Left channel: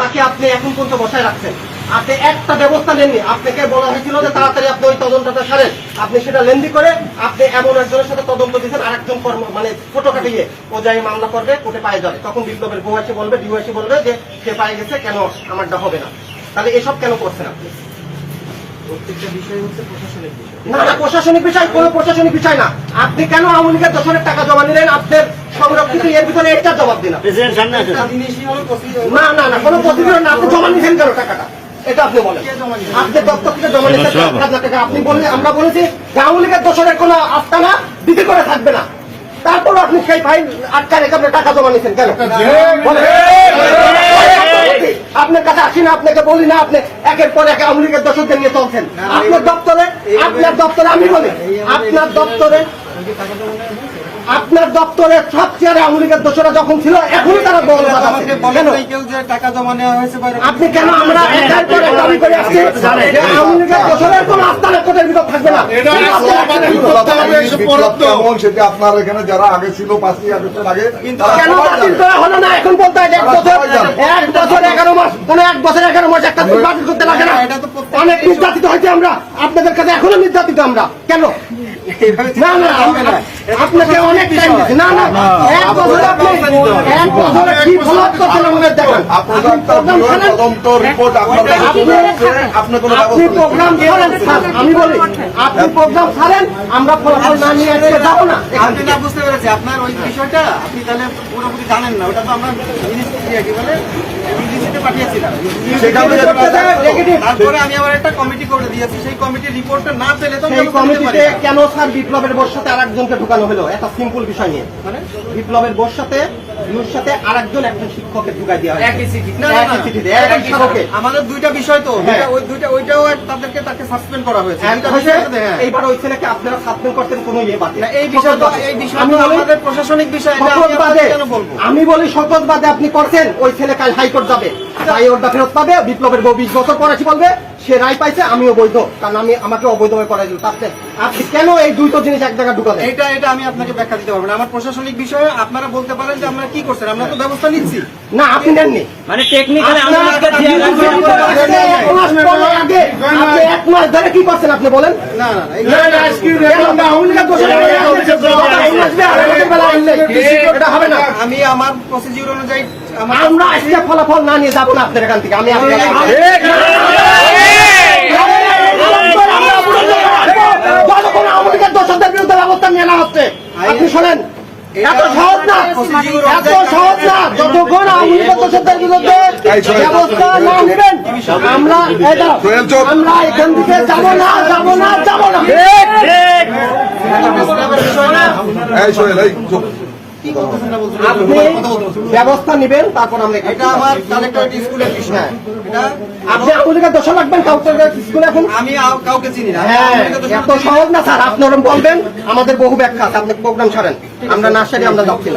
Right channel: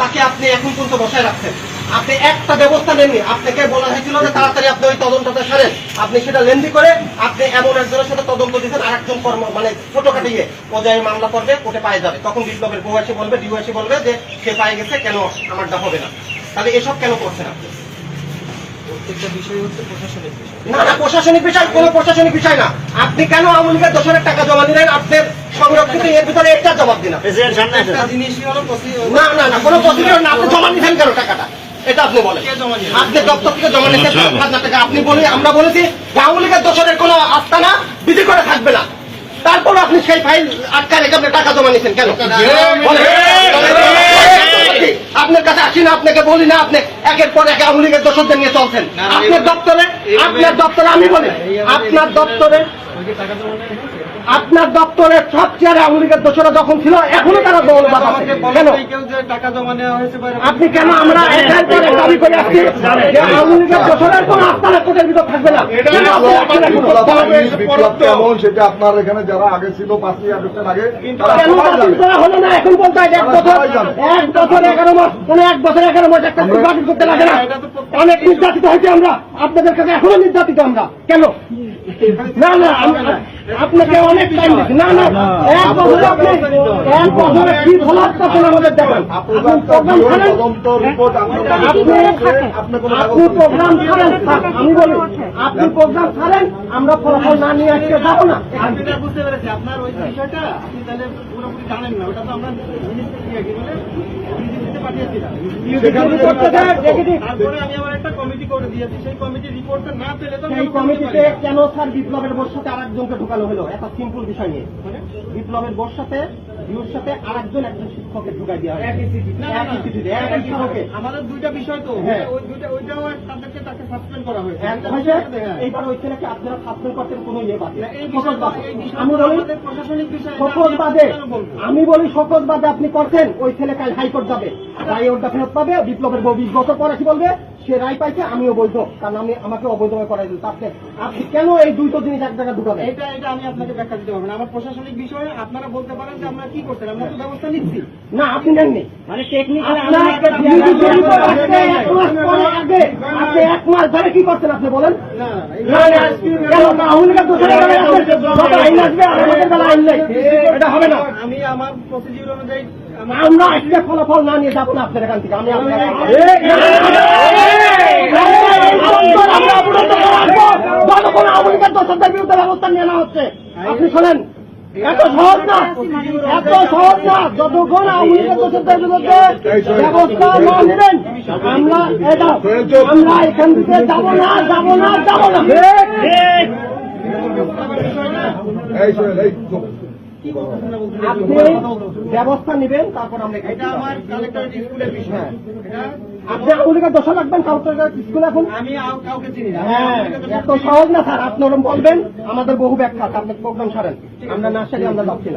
তাকে আপনি এখন পর্যন্ত বসায় রাখছেন। আপনি একটা ব্যবস্থা নেননি। আপনাকে বলা হয়েছিল যে তাড়াতাড়ি আপনি ওই তদন্তটা সারেন, আপনি সেটা লেন্দি করে আপনি এমন একজনের সাথে তদন্ত দিচ্ছেন, আরেকজন মানে ছোট কাটিয়ে পর্যায়ে মামলা করবে, কোর্টে পায়ে যাবে। তখন বিপ্লবের বউ এসে বলবে, ডিও এসে বলবে যে সে পায়ে গেছে, কেন আমারটা হবে না? তাহলে এসব কেন করছেন আপনি? প্রত্যেকটা বিষয় হচ্ছে প্রশাসনিক বিষয়। না না, প্রশাসনিক বিষয় কোনো প্রশাসনিক বিষয় না। আপনি কেন আওয়ামী লীগের দোষরের টাকা জমা নিলেন? আপনার সংরক্ষিত এর ভিতরে একটা জবাব দিন। একটা জিনিসই হলো না না না, কোনো প্রসিডিওর না। আপনি জমা নিছেন কেন টাকাটা? এটা আপনি বলেন। আপনি দপ্তর থেকে জমা নিচ্ছেন 5,000 টাকা। আপনি বলি, আমরা বলেছি আওয়ামী লীগের দোষরের কোনো আস্তানা বিধি করে থাকবে না। তারপর আপনি সেই ফাইল আটকা রেখে আপনি টাকা জমা নিচ্ছেন কেন? আপনার কাছে আসি না, আপনাকে বলি না, আপনি একের পর এক আওয়ামী লীগের দোষরদের নিয়ে চলছেন। আপনার দপ্তরে আমি বলি, আপনার দপ্তরে সব চেয়ারে আওয়ামী লীগের দোষরা যখন ছিল, এখনো তারা বলবাদ আছে কেন? টাকা জমা নেওয়া হয়েছে। আপনি কেন? আমরা একের পর এক দাবি করে আসছি যে আওয়ামী লীগের দোষরের কোন আস্তানা কোর্টের ভিতর থাকবে না। সেটা আপনার এখানে যারা আগে ছিল 5ই আগস্টের আগে কেন বাতিল করা হলো না? এখন বলতে হয় 1 বছর 11 মাস, কোন 1 বছর 11 মাস একটা বাতিল করতে লাগে না? অনেক নির্যাতিত হয়েছে আমরা, আপনাদের কাছে এখনো নির্যাতিত আমরা। কেন? না না, আপনাকে অনেক টাইম দিচ্ছি। না না, 1 বছরে আপনি 1 বছরে কি ফলো আপ করছেন আমাদের দেখান। আপনি প্রোগ্রাম ছাড়েন, আপনি প্রোগ্রাম ছাড়েন স্যার। আমি বলি আপনি প্রোগ্রাম ছাড়েন, আমরা ফলাফল না নিয়ে আজকে যাবো না। আপনি না বুঝতে পেরেছি আপনার ওই বিষয়টা, আপনি তাহলে পুরোপুরি জানেন না। ওটা তো আমরা পাঠিয়েছিলাম। তারপরে আমি আবার একটা কমিটি করে দিয়েছি, সেই কমিটির রিপোর্টটা না পেলে তো সেই কমিটিতে কেন স্যার বিপ্লবের বোর সাথে আরেকজনকে ঢুকানো হলো? একটা সিম্পল বিষয় নিয়ে, মানে বিপ্লবের বোর সাথে আরেকজন শিক্ষকের ঢুকাই দেওয়া হয় একই চিঠিতে, একই স্মারকে। আমাদের দুইটা বিষয় তো, ওইটাও তাকে সাসপেন্ড করা হয়েছে। এইবার ওই ছেলেকে আপনারা সাসপেন্ড করতেন কোনো ইয়ে বাতিল। এই বিষয়টা আমি বলি আমাদের প্রশাসনিক বিষয়। আমি বলি শপথ বাদে আপনি করছেন, ওই ছেলে কাল হাইকোর্ট যাবে, রায় ওটা ফেরত পাবে। বিপ্লবের বউ 20 বছর পর এসে বলবে সে রায় পাইছে, আমিও বৈধ, কারণ আমাকে অবৈধভাবে করাই দিল। তাতে আপনি কেন এই দুটো জিনিস এক জায়গায় ঢুকালেন? এটা আমি আপনাকে ব্যাখ্যা দিতে পারবো না। আমার প্রশাসনিক বিষয়ে আপনারা বলতে পারেন যে আমরা কি করছেন, আমরা তো ব্যবস্থা নিচ্ছি। না, আপনি নেননি। মানে টেকনিক্যালি আপনি 1 মাস ধরে কি করছেন আপনি বলেন? না এটা হবে না। আমি আমার প্রসিডিউর অনুযায়ী আমরা আজকে ফলাফল না নিয়ে যাবো না আপনার এখান থেকে। আমি যতক্ষণ আওয়ামী লীগের দোষরদের বিরুদ্ধে ব্যবস্থা নেওয়া হচ্ছে, আপনি শোনেন, এত সহজ না, যতক্ষণ আওয়ামী লীগের দোষরদের বিরুদ্ধে ব্যবস্থা না নেবেন আমরা এখান থেকে যাবো না। আপনি ব্যবস্থা নেবেন, তারপর আমরা এটা আমার কালেক্টরেট স্কুলের বিষয়। আপনি আওয়ামী লীগের দোষ লাগবেন কালেক্টরেট স্কুলে? এখন আমি কাউকে চিনি না। হ্যাঁ, এত সহজ না স্যার। আপনি ওরকম বলবেন, আমাদের বহু ব্যাখ্যা আছে। আপনি প্রোগ্রাম ছাড়েন, আমরা না সারি আমরা যাচ্ছি না।